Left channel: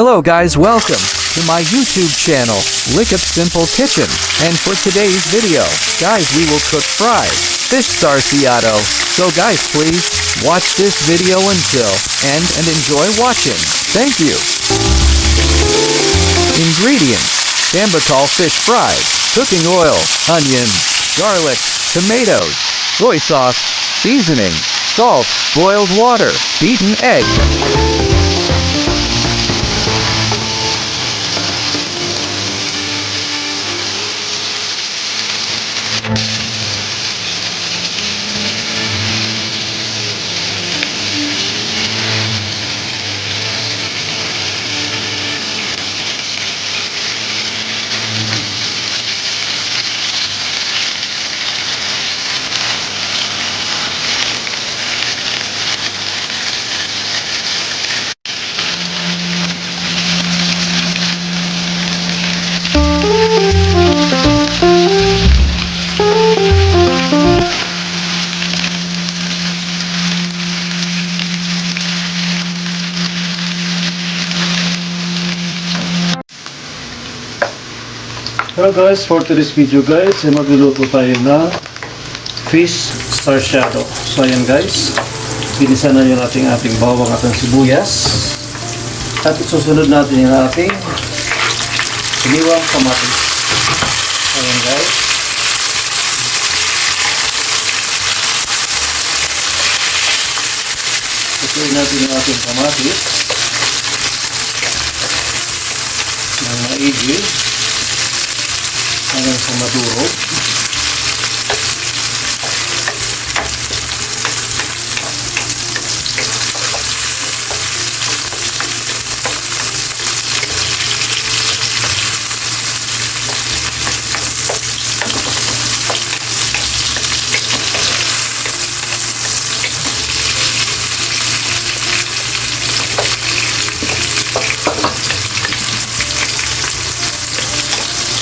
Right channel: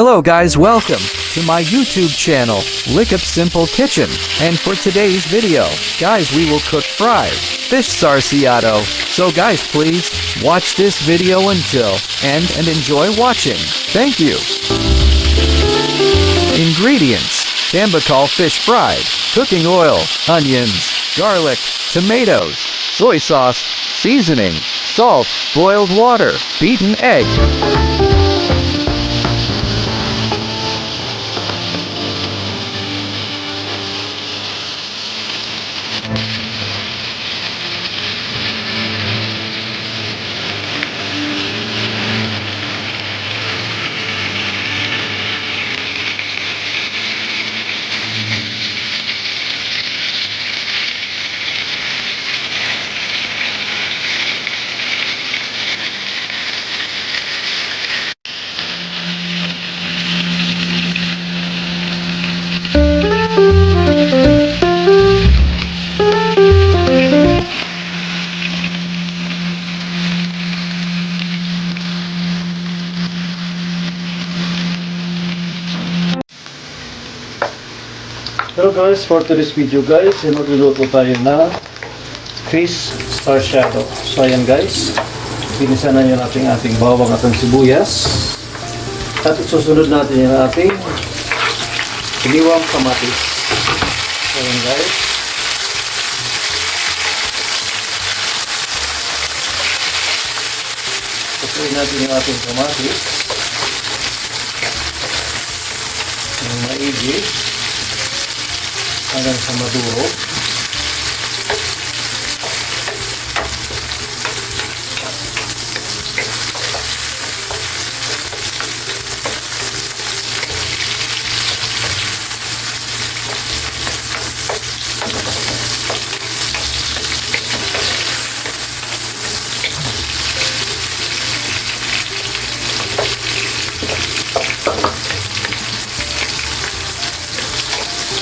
Hello guys, welcome to my YouTube channel, Lick Up Simple Kitchen. And for today's video, guys, we will cook fried fish sarciado. So guys, please watch this video until end and enjoy watching. Thank you. Ingredients: Tambakol fish fried, cooking oil, onions, garlic, tomatoes, soy sauce, seasoning, salt, boiled water, beaten egg. Hello guys, for today's video guys, magluluto tayo na fish sarciado. So ayan guys, ginisa na yung ating bawang at ang sibuyas. At isusunod natin yung ating siniwang kamatis. So ayan guys. Susunod natin yung ating kamatis ng maigi hanggang sa maduro.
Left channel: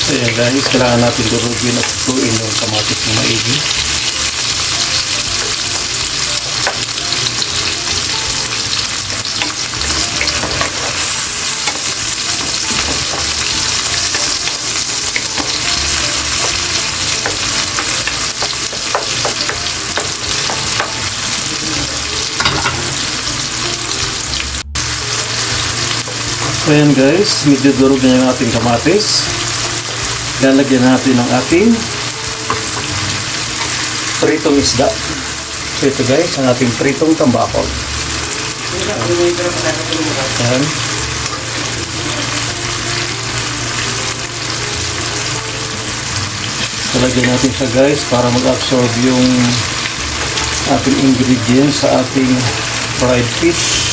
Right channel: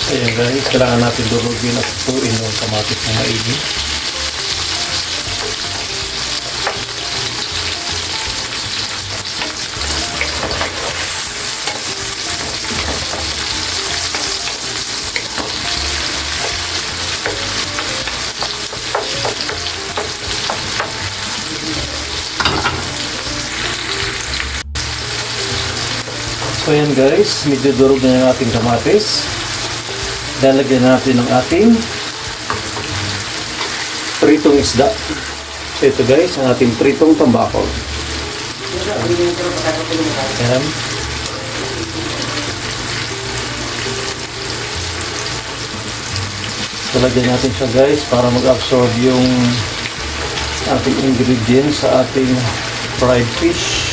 Ayan guys, kailangan natin durugin at tutuin yung kamatis ng maigi. So ayan guys, medyo durog na yung ating kamatis. Lalagyan natin ng ating pritong isda. So ito guys, ang ating pritong tambakol. Ayan. So lagyan natin siya guys para mag-absorb yung ating ingredients sa ating fried fish.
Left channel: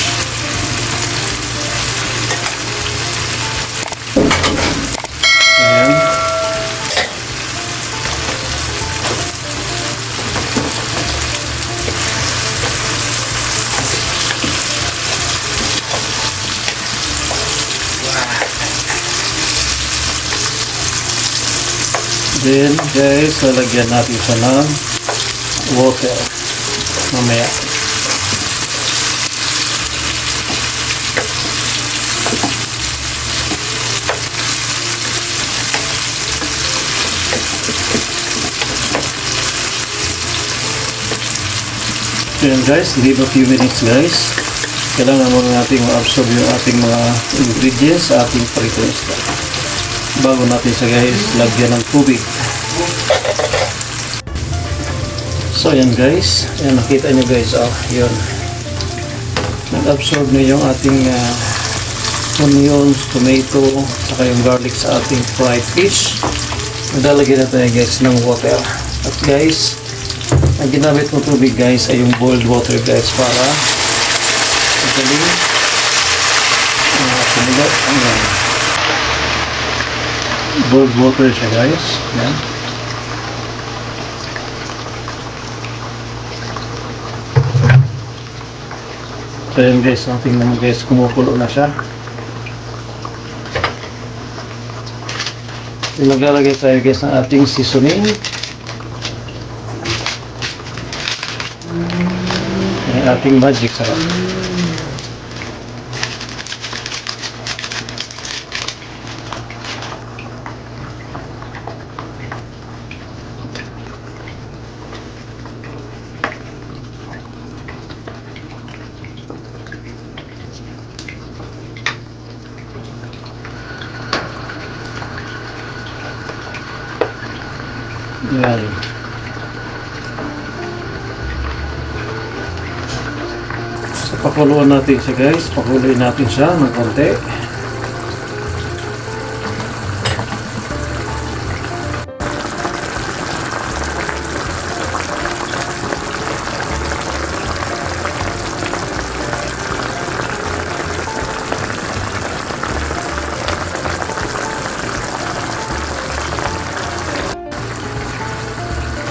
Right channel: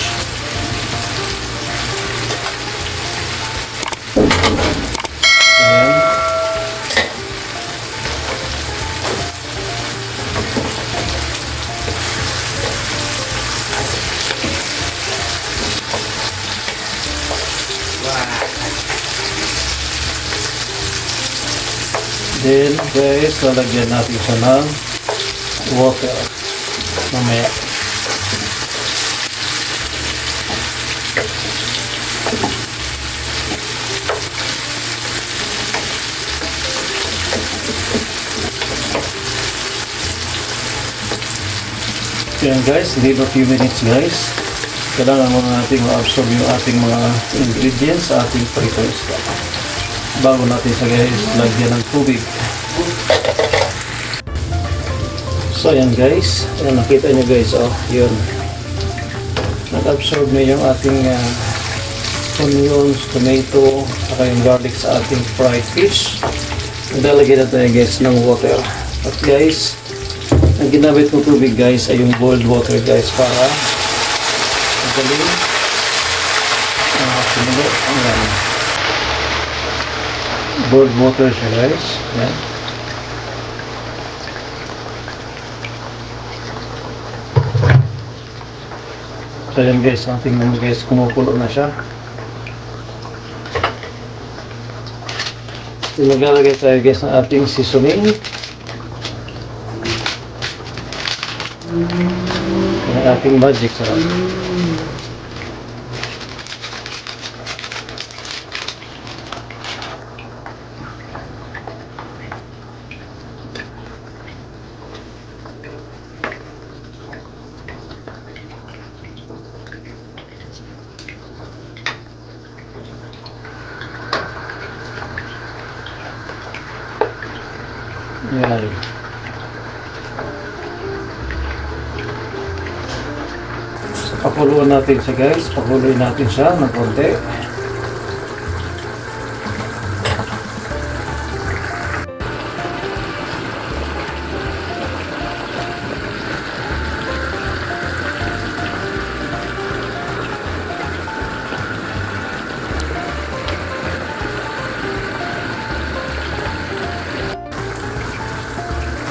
Then guys, lalagyan natin siya ng water mamaya. Then guys, leave a few minutes guys. Kailangan muna natin ma-absorb yung ating mga ingredients sa ating pritong isda. Bago natin siya guys, lagyan ng tubig. So ayan guys, ayan, nakita nyo guys, oh, yun. Nag-absorb na yung ating onions, tomato, saka yung garlic sa ating fried fish. Naglalagyan na tayo guys ng water. At guys, ang ginamit mo tubig guys ay yung boiled water guys para magaling sumilot. Boiled water siya guys. Yan. So yan guys, tingnan mo guys, kumukulo na siya. Maglalagay tayo guys ng ating seasoning. Yung ating magic sarap. Yan. So, pakuluan natin siya guys. Pakuluin natin siya ng konti.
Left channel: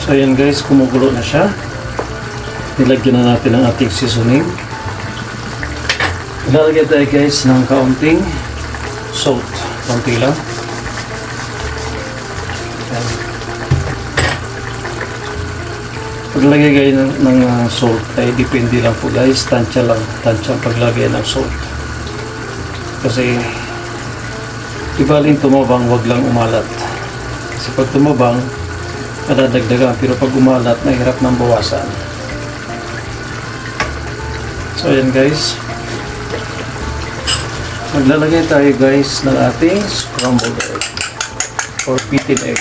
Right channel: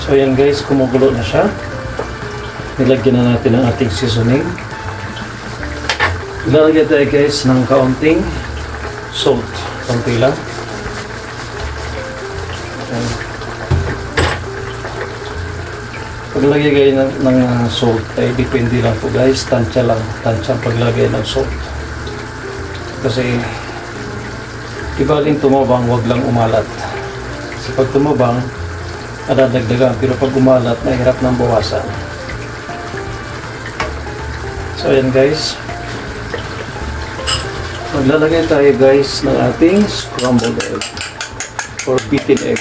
So yan guys, kumukulo na siya. Nilagyan na natin ang ating seasoning. Lalagyan tayo guys ng kaunting salt. Kaunti lang. Yan. Paglagay kayo ng salt ay depende lang po guys. Tansya lang. Tansya ang paglagay ng salt. Kasi ibaling tumabang, wag lang umalat. Kasi pag tumabang, nadadagdagan, pero pag umalat, mahirap nang bawasan. So ayan guys, maglalagay tayo guys ng ating scrambled egg or beaten egg.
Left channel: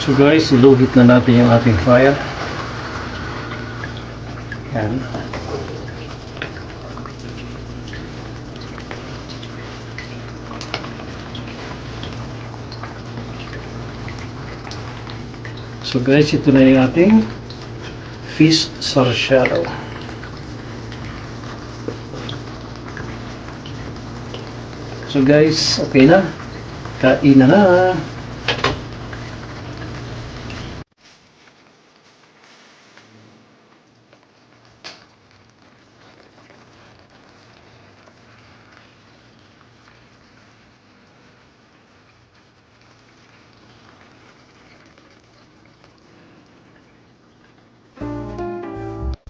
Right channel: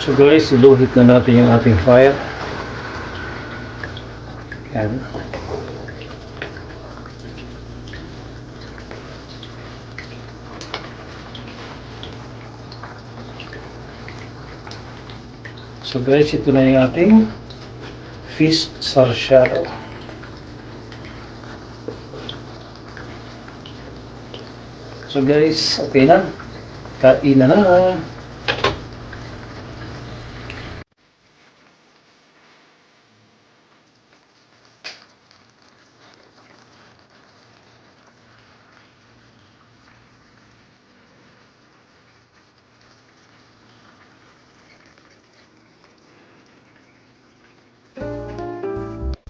So guys, iluhit na natin yung ating fire. Yan. So guys, ito na yung ating fish sarsyado. So guys, okay na. Kain na na.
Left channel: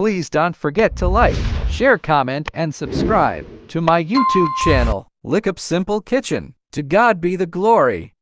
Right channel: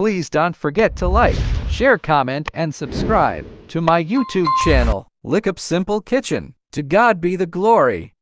Please don't forget to like, share, comment, and subscribe to my YouTube channel, Lickup Simple Kitchen. To God be the glory.